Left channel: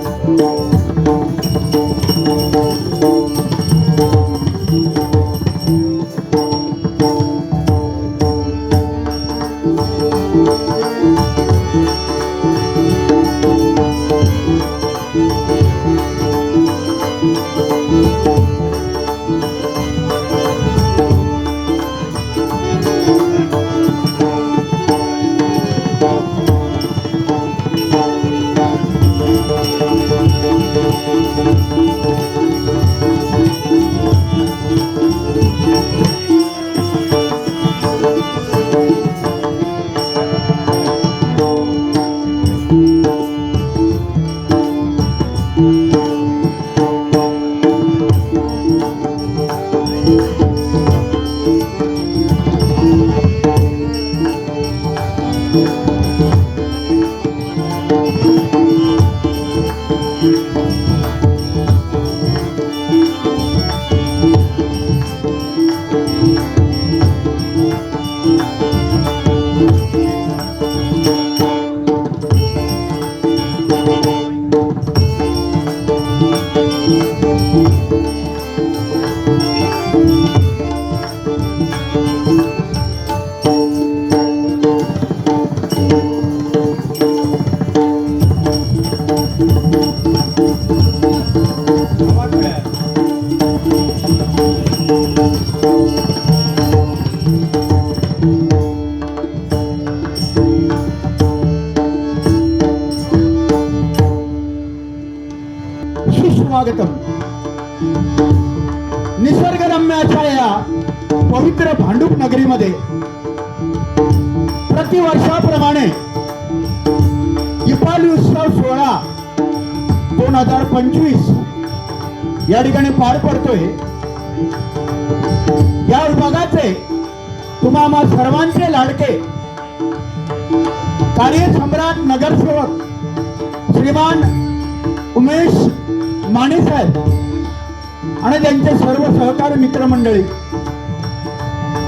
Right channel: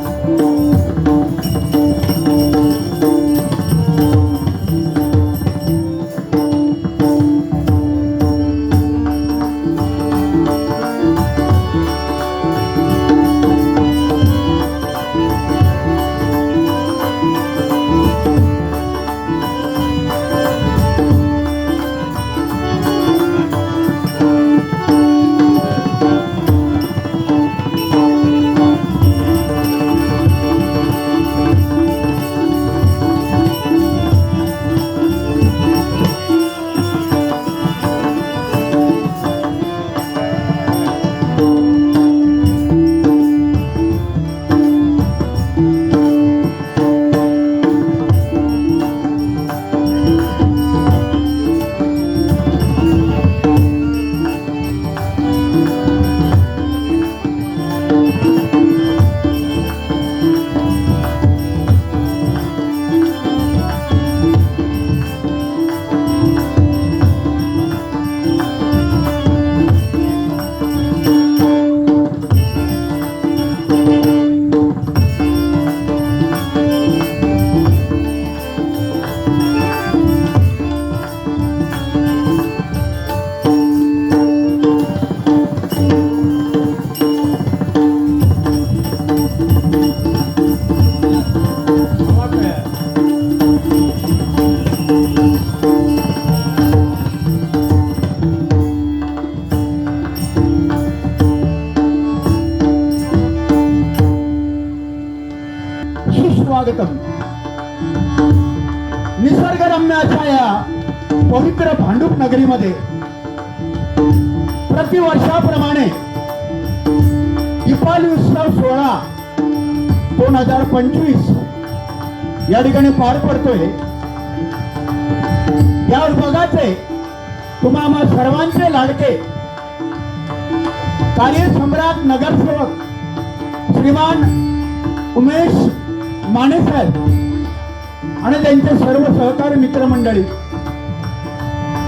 Thank you.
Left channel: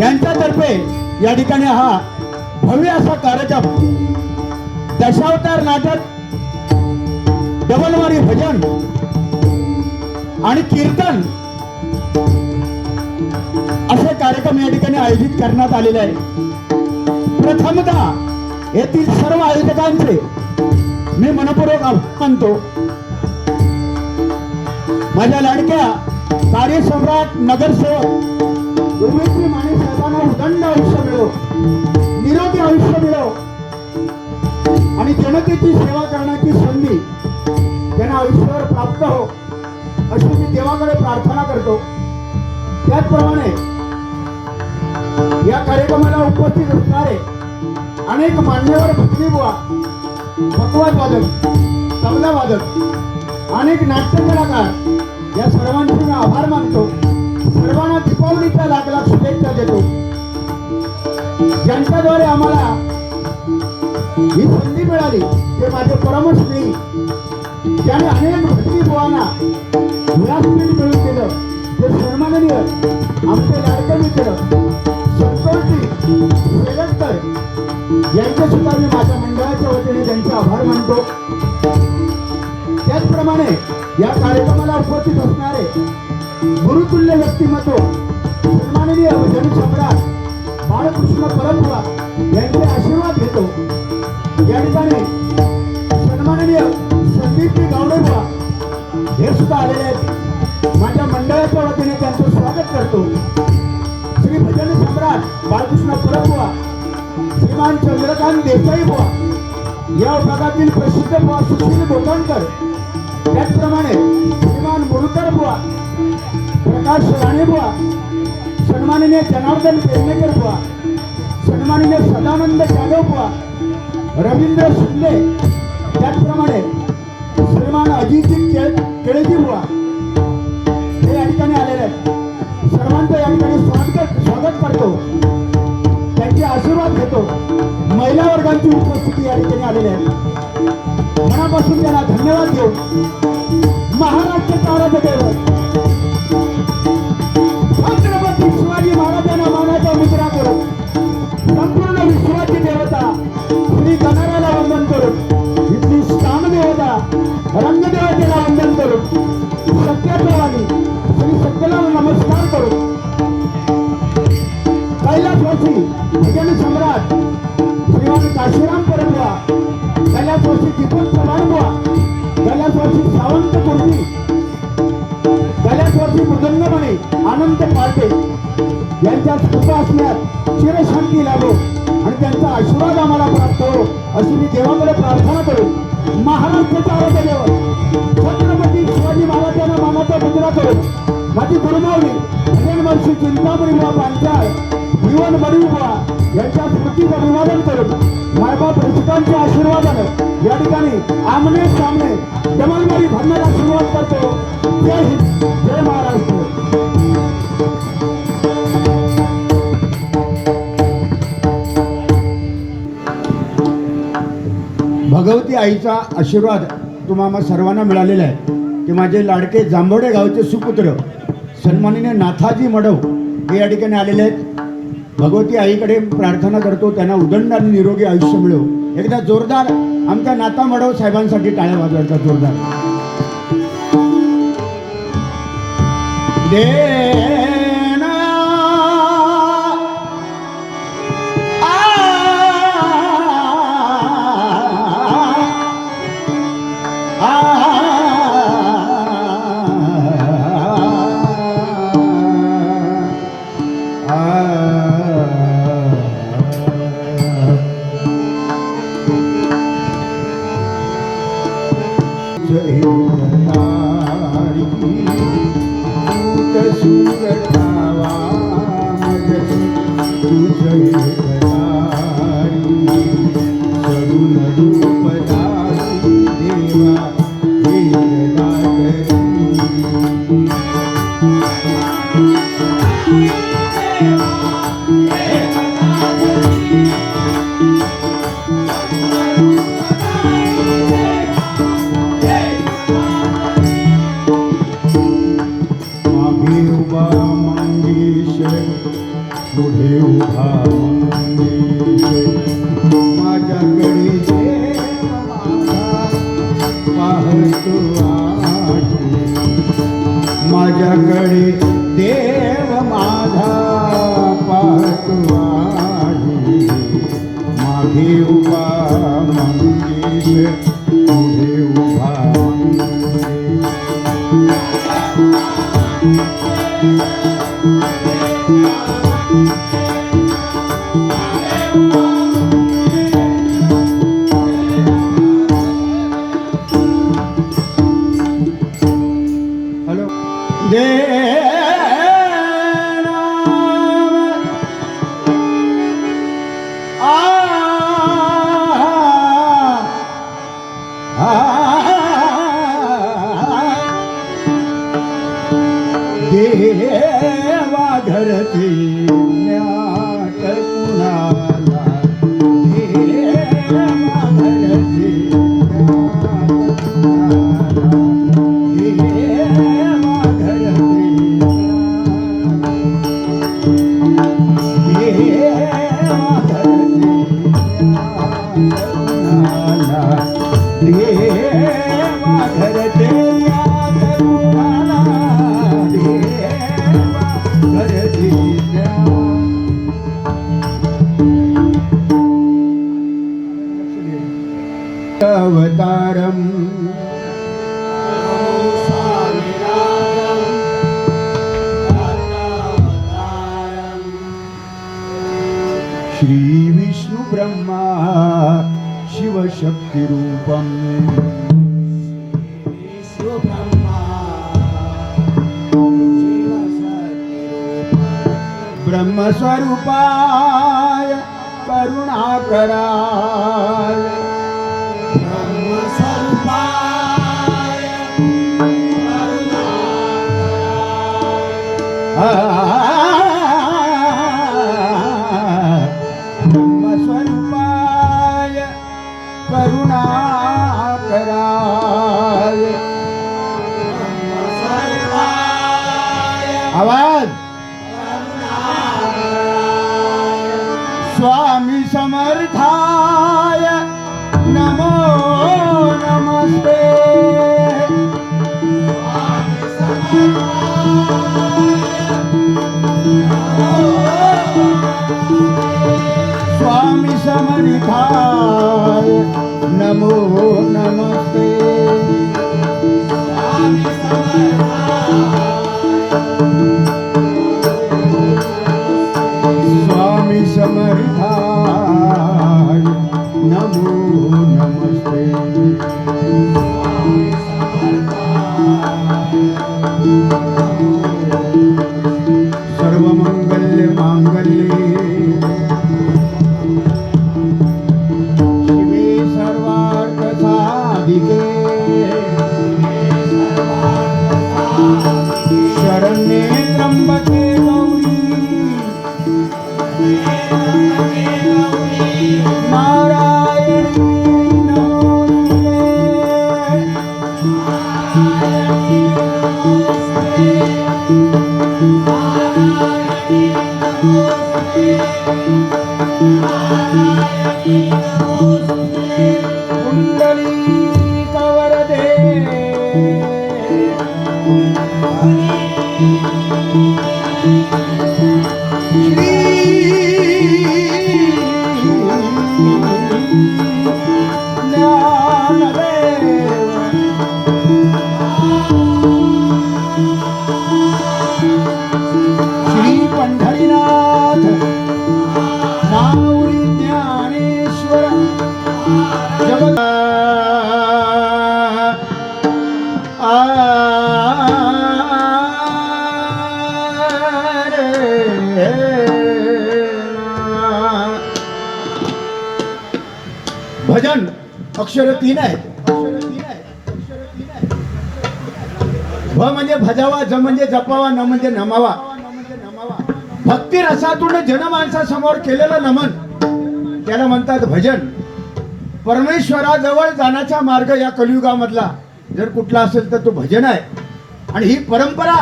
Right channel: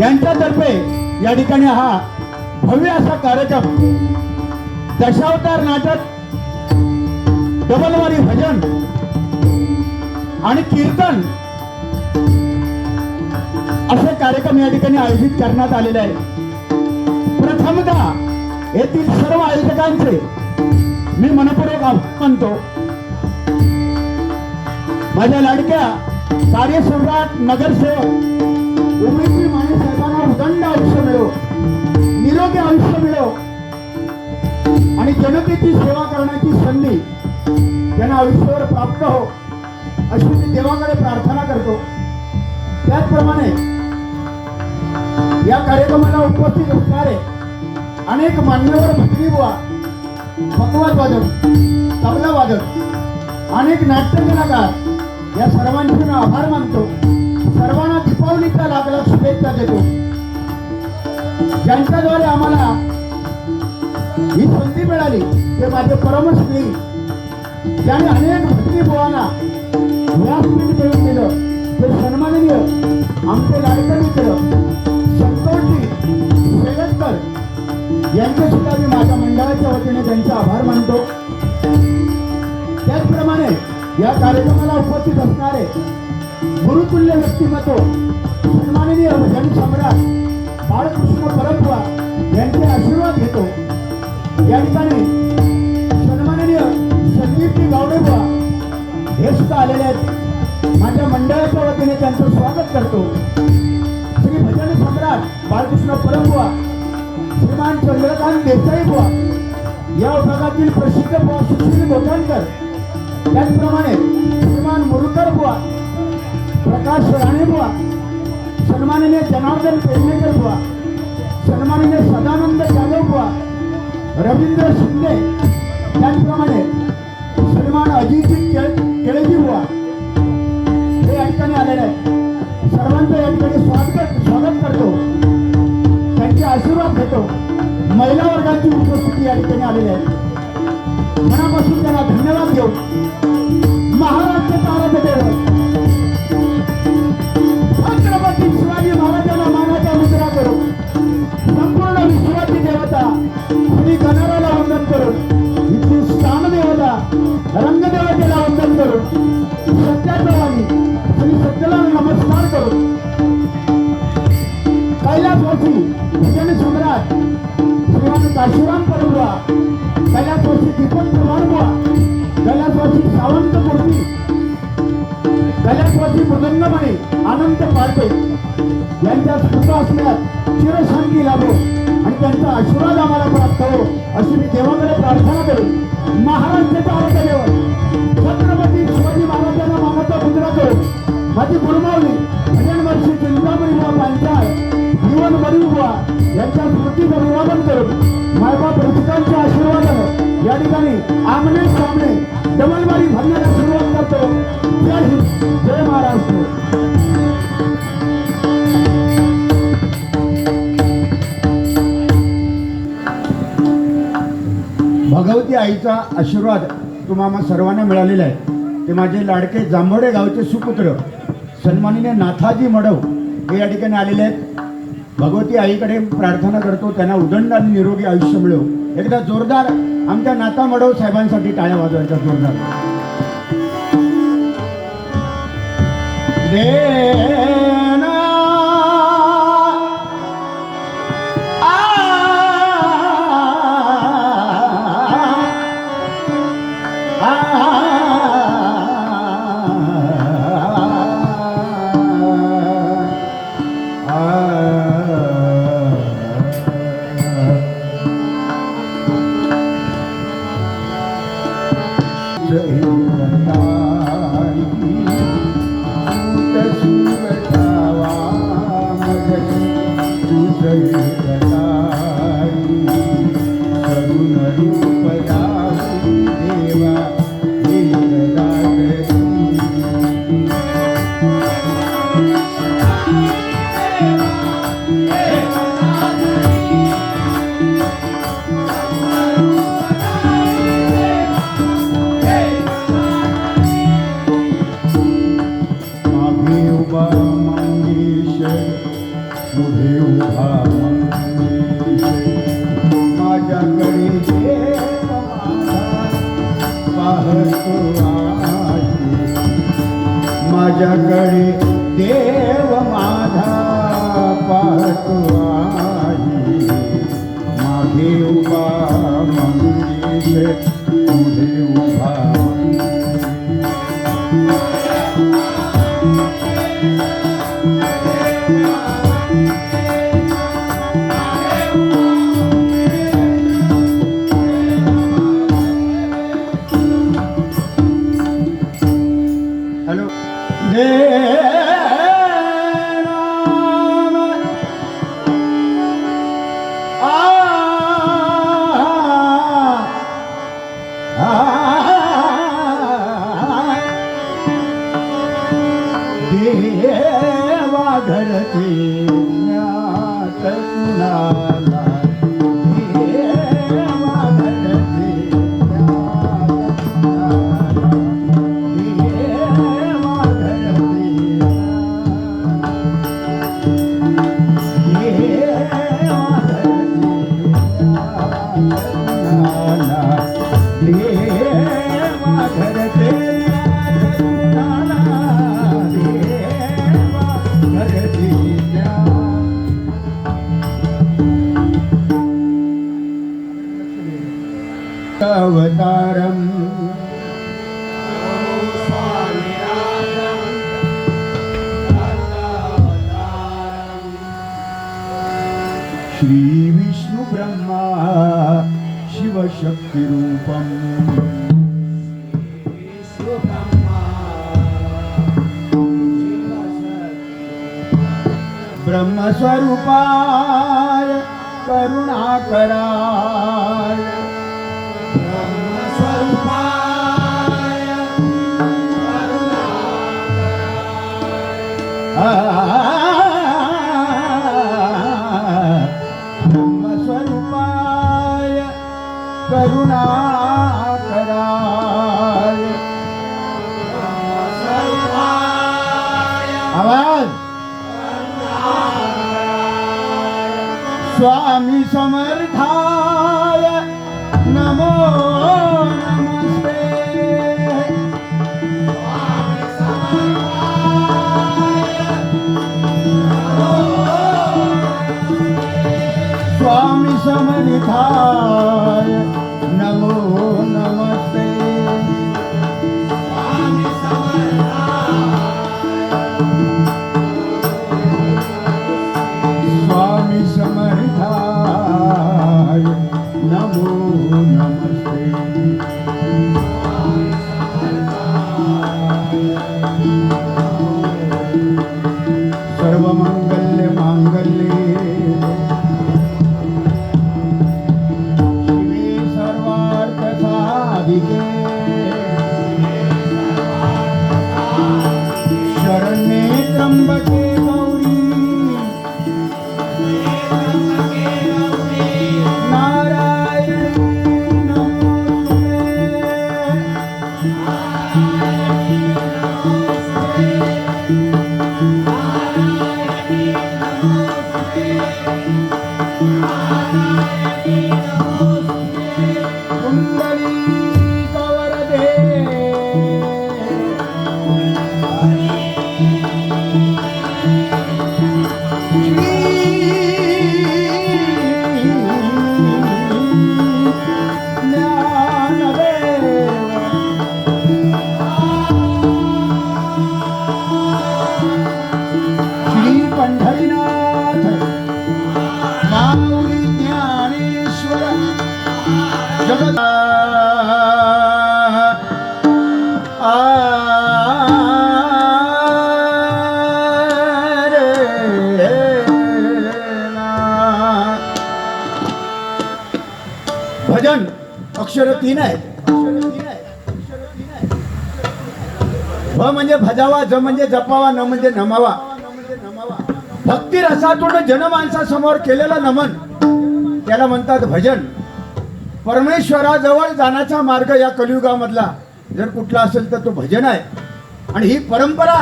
यांच्यातर्फे या ठिकाणी हा भव्य असा कार्यक्रम दशावतार नाटक डबलवारी भजन आणि कीर्तन असे कार्यक्रम या ठिकाणी आयोजित करण्यात आलेले आहे. प्रथमतः येथील सर्व आयोजकांचे मी मनपूर्वक आभार मानतो माझ्या लाडक्या कार्यसम्राट नगरसेवक उमेशजी माने प्रचंड आयुष्य मिळो. निरोगी आयुष्य मिळो. आणि जनतेची सेवा करण्याची संधी त्यांना आयुष्यावर प्राप्त हो अशी मी देवाकडे प्रार्थना करतो. त्याचप्रमाणे या कार्यक्रमाला उपस्थित असणारे अनेक मान्यवर भक्ती बुवा पकवाद वादक तबला वादक अनेक नाट्य कलाकार या सर्वांचे मी आभार मानतो. सर्वांना दीपावलीच्या लाख लाख शुभेच्छा देतो. ज्यांच्याद्वारे आम्हाला ही संधी मिळाली ते माझे परमश्री ज्याने अनेक भटकी बुवांना व्यासपीठ मिळून दिलं ते सन्माननीय आमचे लाडके मित्र संतोषजी शेवटकर यांचे सुद्धा मी माझ्या मंडळाच्या वतीने त्यांचे आभार मानतो. त्याचप्रमाणे या कार्यक्रमाला उपस्थित असणारे गुरुतुल्य व्यक्तिमत्व सन्माननीय भजन सम्राट बाळकृष्ण परंपरा यांचे आशीर्वाद घेतो. या ठिकाणी सन्माननीय संदीपजी गावडेबुवा हे सुद्धा आलेले आहेत. माझ्या मंडळाच्या वतीने त्यांचं स्वागत करतो. श्री भजन सम्राट बाळकृष्ण परंपरा श्रीमान चंद्रकांत देसाई बुवा या विभागातील प्रसिद्ध बुवा सुशील गोटणकर त्याचप्रमाणे श्रीमान मुरुकर बुवा प्रकाश राणे बुवा सन्माननीय जनार्दन पेरणेकर बुवा सन्माननीय सदानंद जाधव बुवा रवींद्र शिंदे त्याचप्रमाणे सन्मान अजितजी केळ केळेजी बुवा हे या ठिकाणी आलेले आहेत. सर्वांचं या ठिकाणी स्वागत स्वागत करतो. त्यांचे आशीर्वाद घेतो. महिला वर्गाची उपस्थिती या ठिकाणी आलेली आहे. देऊ. कैलासवासी विजन सम्राट श्रीमान काशीराम परबुवा कैलासवासी दीपक चव्हाण बुवा कैलासवासी सावंत मूर्ती कैलासवासी मृदंगमणी अनंत पाटे यांच्या कृपा असण्यात चिरशांती लाभो आणि त्यांचा आशीर्वाद आम्हाला प्राप्त हो अशी मी देवाकडे प्रार्थना करू. महाराष्ट्राच्या आरोग्य छत्रपती शिवाजी महाराजांना मानाचा मुद्रा करू. माझी गुरुमावली भजन वर्षी चिंतामणी बुवा पांचाळ. भगवान मणिबुवा यांच्या स्मृतीचं अभिवादन करून मायबाप रसिकांच्या आशीर्वादानं या ठिकाणी आमने सामने डमलमारी भरण्याला सुरुवात करतो. जय हिंद जय महाराष्ट्र. भगवती आईचा आशीर्वाद तुम्हाला सर्वांना मिळालेला आहे. ते माझे लाडके जांभोडे गावचे सुपुत्र सन्माननीय नाथाजी मडव हे या ठिकाणी आलेले आहेत. भगवती आईकडे प्रार्थना करतो त्यांना उदंड आणि निरोगी आयुष्य मिळो. एकदा जोरदार आमच्या नाता मडव साहेबांसाठी टाळ्या वाजवायचा जोरदार. दे. मागे Thank you. अक्षर तीन आहेत. भ म्हणजे भजावा ज म्हणजे जपावा न म्हणजे नमावा. भक्ती रसातून जनमानसासमोर केलेलं नमन त्याला म्हणतात भजन. परमेश्वराजवळ जाण्याचा मार्ग या कलियुगामधला. जर कुठला असेल तर तो भजन आहे. आणि ही परंपरा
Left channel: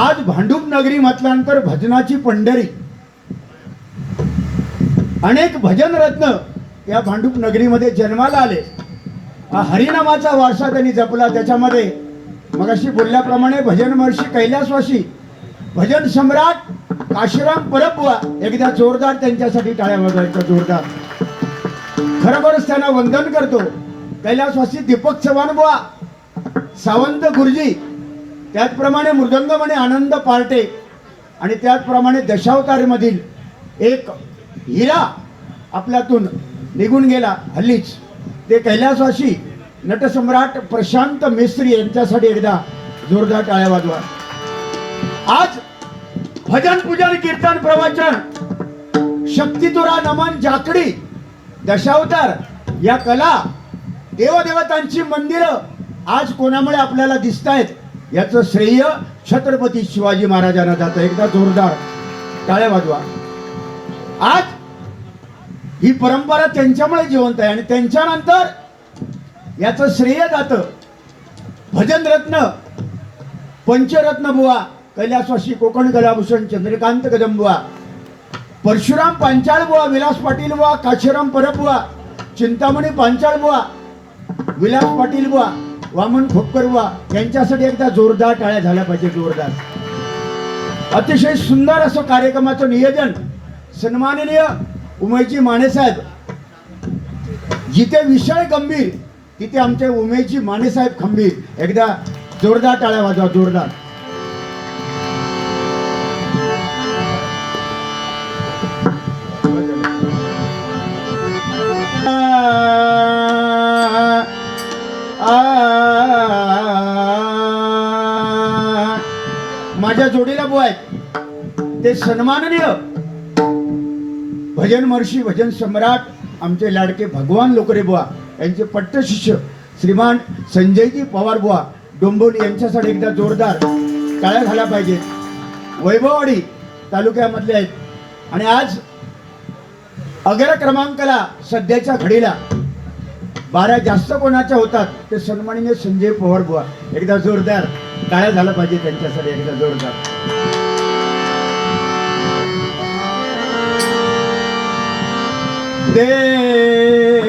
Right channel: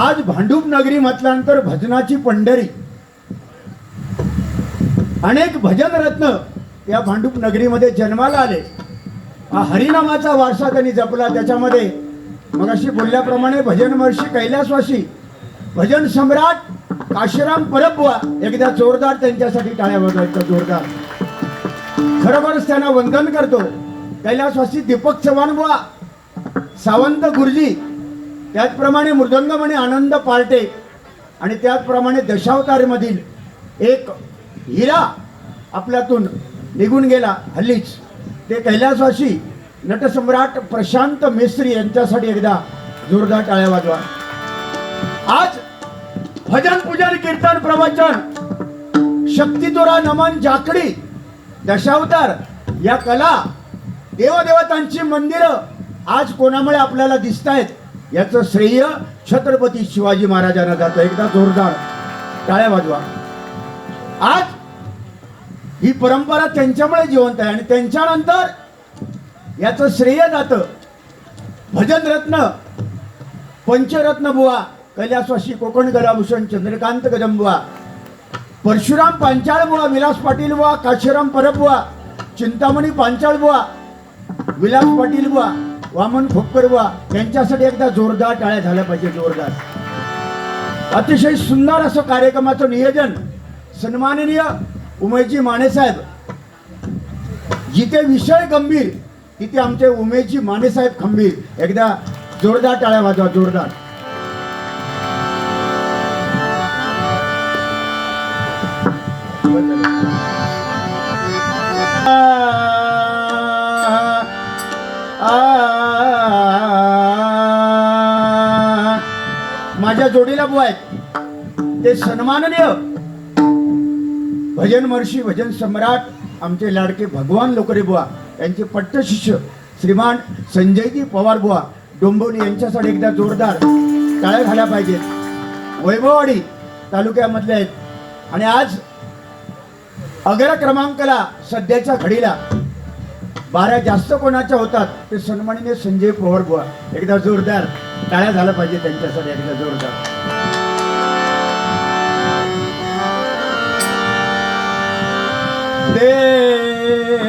आज भांडूप नगरी म्हटल्यानंतर भजनाची पंढरी. अनेक भजन रत्न या भांडूप नगरीमध्ये जन्माला आले. हा हरिनामाचा वारसा त्यांनी जपला. त्याच्यामध्ये मगाशी बोलल्याप्रमाणे भजन महर्षी कैलासवाशी भजन सम्राट काशीराम परब्वा एकदा जोरदार त्यांच्यासाठी टाळ्या वाजवायच्या जोरदार. खरोखरच त्यांना वंदन करतो. कैलासवासी दीपक चव्हाण बुवा सावंत गुरुजी त्याचप्रमाणे मृदंगमणे आनंद पार्टे आणि त्याचप्रमाणे दशावतारमधील एक हिरा आपल्यातून निघून गेला हल्लीच. ते कैलासवासी नटसम्राट प्रशांत मेस्त्री यांच्यासाठी एकदा जोरदार टाळ्या वाजवा. आज भजन पूजन कीर्तन प्रवचन शक्तितुरा नमन जाकडी दशावतार या कला देवदेवतांची मंदिरं आज कोणामुळे आपल्याला दिसत आहेत याचं श्रेय छत्रपती शिवाजी महाराजांना जातं. एकदा जोरदार टाळ्या वाजवा. आज ही परंपरा त्यांच्यामुळे जिवंत आहे. आणि त्यांच्यानंतर याचं श्रेय जातं. भजन रत्न पंचरत्न बुवा कैलासवासी कोकण गलाभूषण चंद्रकांत कदंबुवा परशुराम पांचाळ बुवा विलास पाटील बुवा काशीराम परब बुवा चिंतामणी पांचाळ बुवा विलास पाटील बुवा वामन खोपकर बुवा यांच्यासाठी एकदा जोरदार टाळ्या झाल्या पाहिजे जोरदार. अतिशय सुंदर असं कार्यक्रमाचं नियोजन सन्माननीय उमेशजी मानेसाहेब जिथे विषय गंभीर तिथे आमचे उमेशजी मानेसाहेब खंबीर. एकदा जोरदार टाळ्या वाजवा जोरदार. माझ्या जोडीला बो आहेत. ते सन्माननीय भजन महर्षी भजन सम्राट आमचे लाडके भगवान लोकरे बुवा यांचे पट्टशिष्य श्रीमान संजयजी पवार बुवा डोंबोली यांच्यासाठी एकदा जोरदार टाळ्या झाल्या पाहिजेत. वैभववाडी तालुक्यामधले आहेत. आणि आज अग्र क्रमांकाला सध्याच्या घडीला बारा जास्त कोणाच्या होतात ते सन्माननीय संजय पवार बुवा एकदा जोरदार टाळ्या झाला पाहिजे त्यांच्यासाठी एकदा जोरदार. で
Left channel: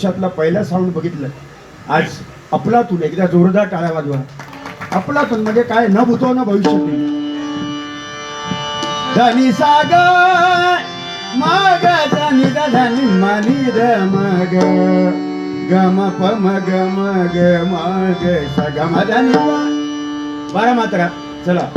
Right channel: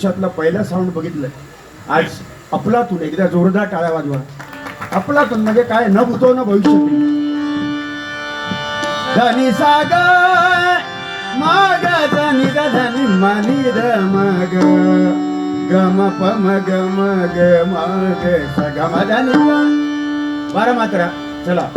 आयुष्यातला पहिला साऊंड बघितलं. आज अपलातून एकदा जोरदार टाळ्या वाजवा. अपलातून म्हणजे काय? न भूतो न भविष्य धनी सागर मग धनी धनी मनी ध मग. गम पम गम मग. सगम धनी बारा मात्रा. चला.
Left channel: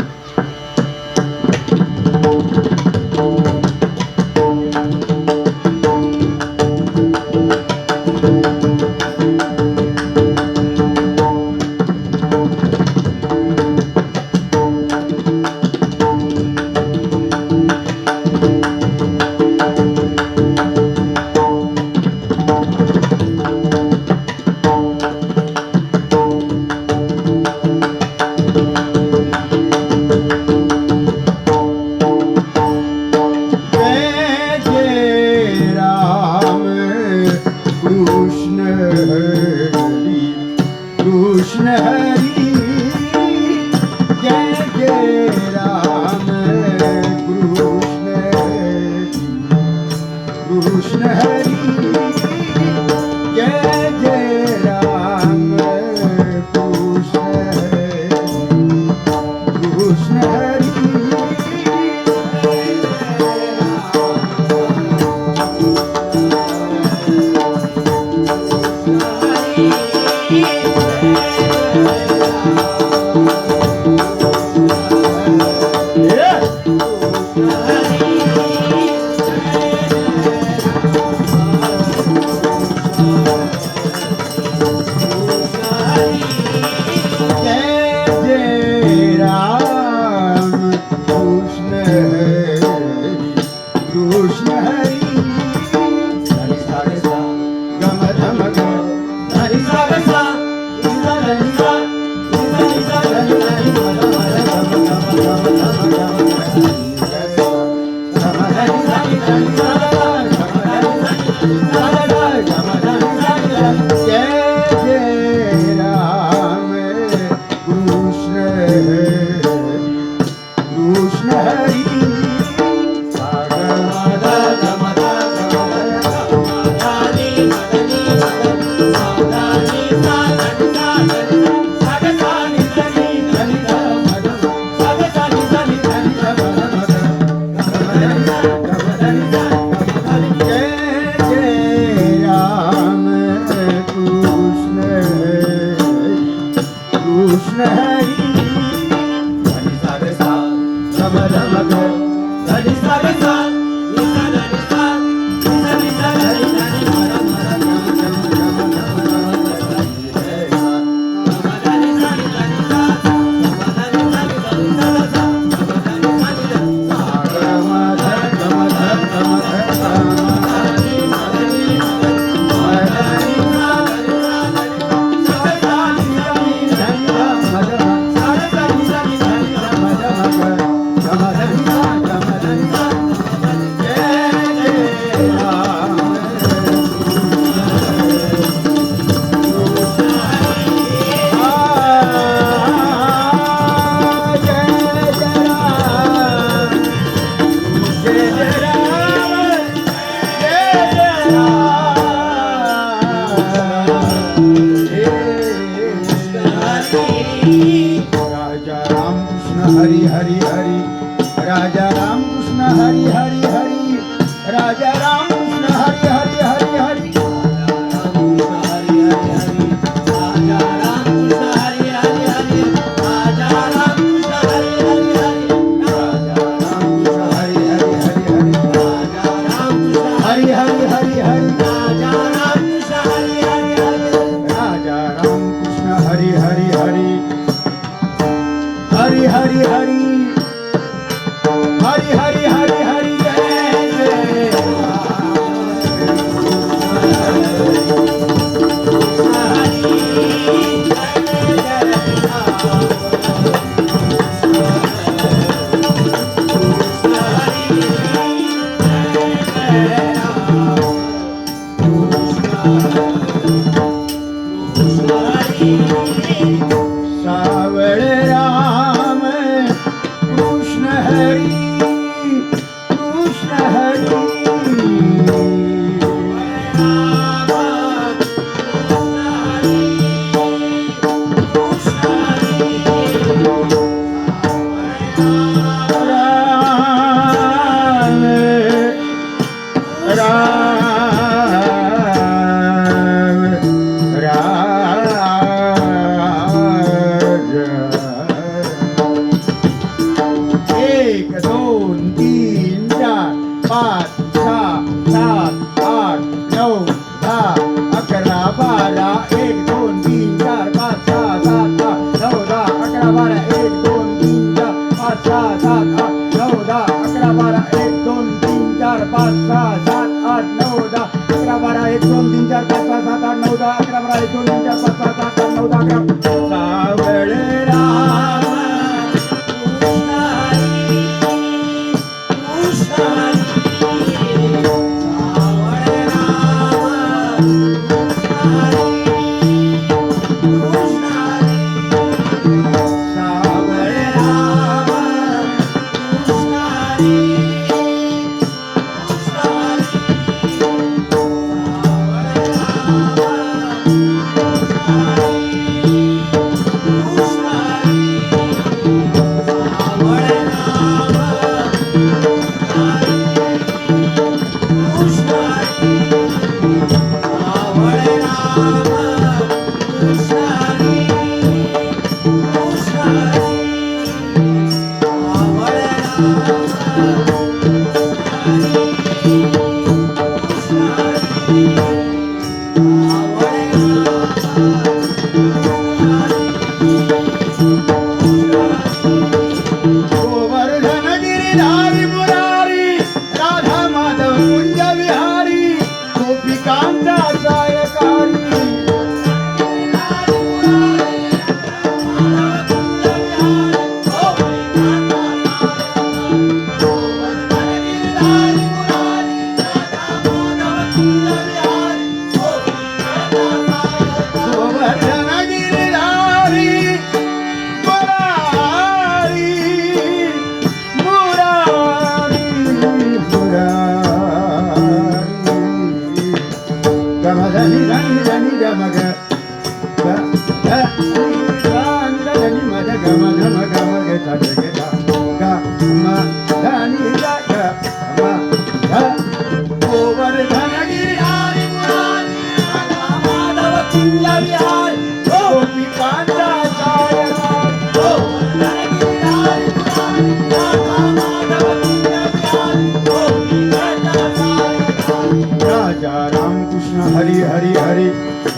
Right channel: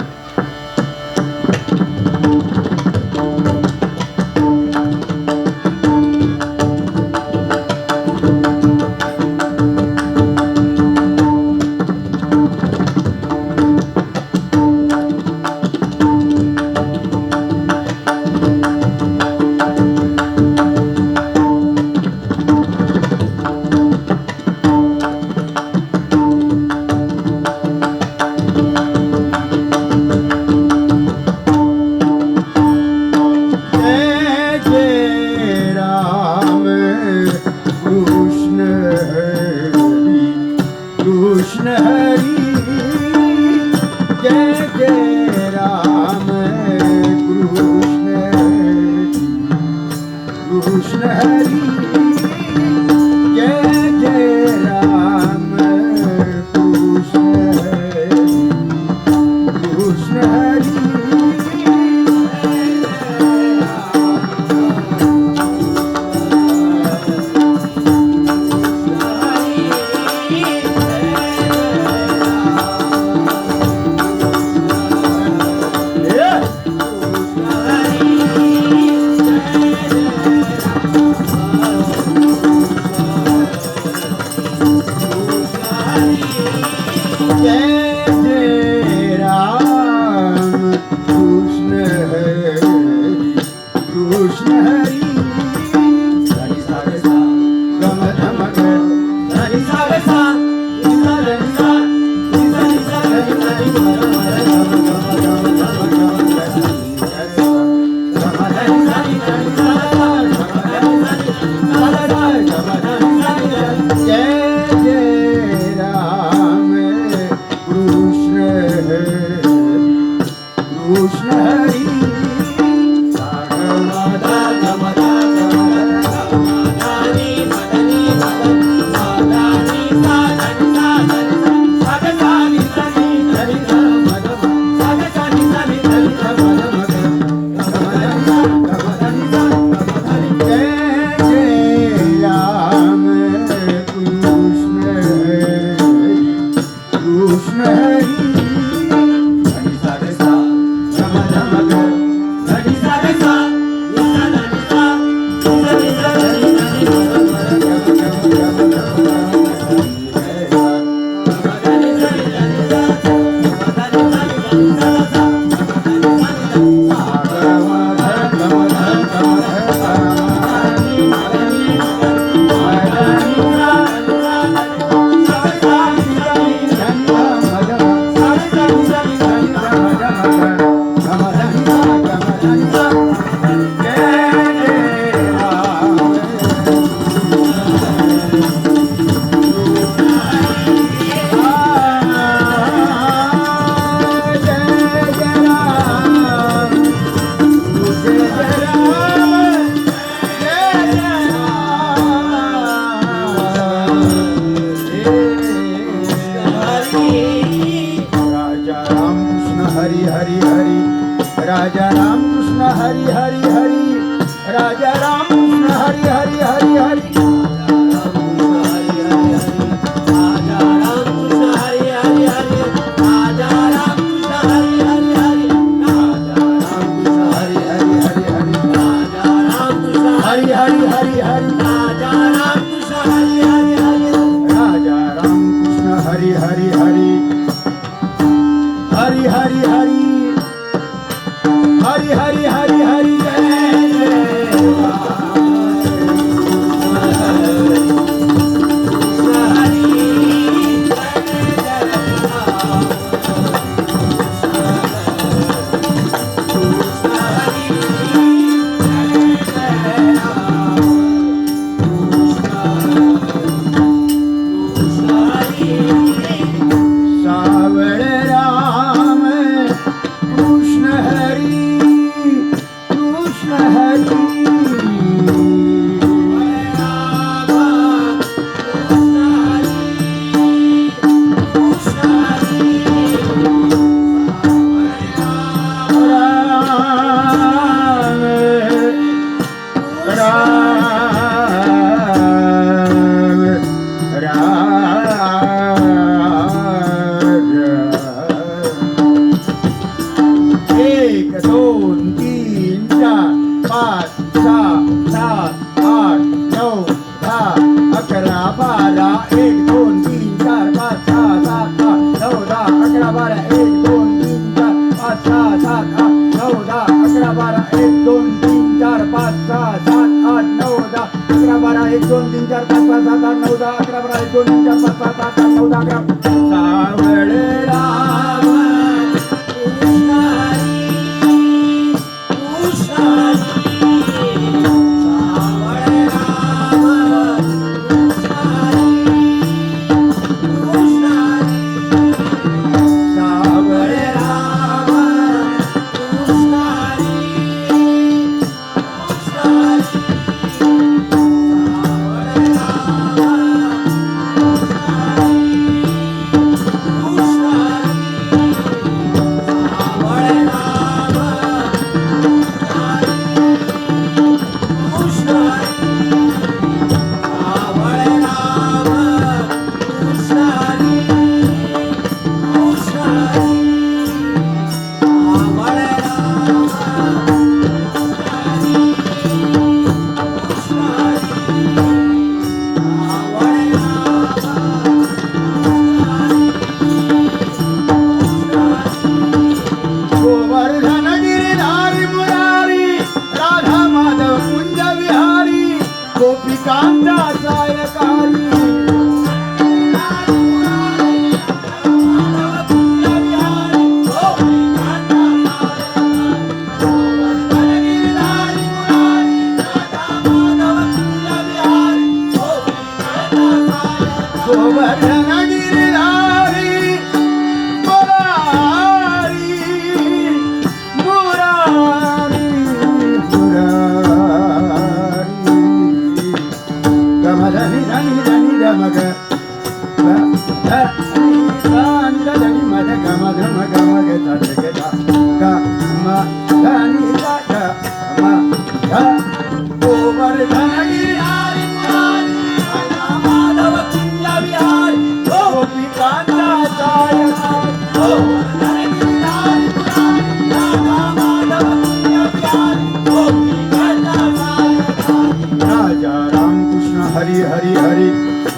हरी हरी हरी.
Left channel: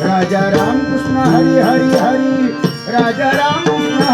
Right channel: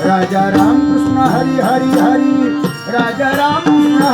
राजा रामकृष्ण हरी हरी हरी. राजा रामकृष्ण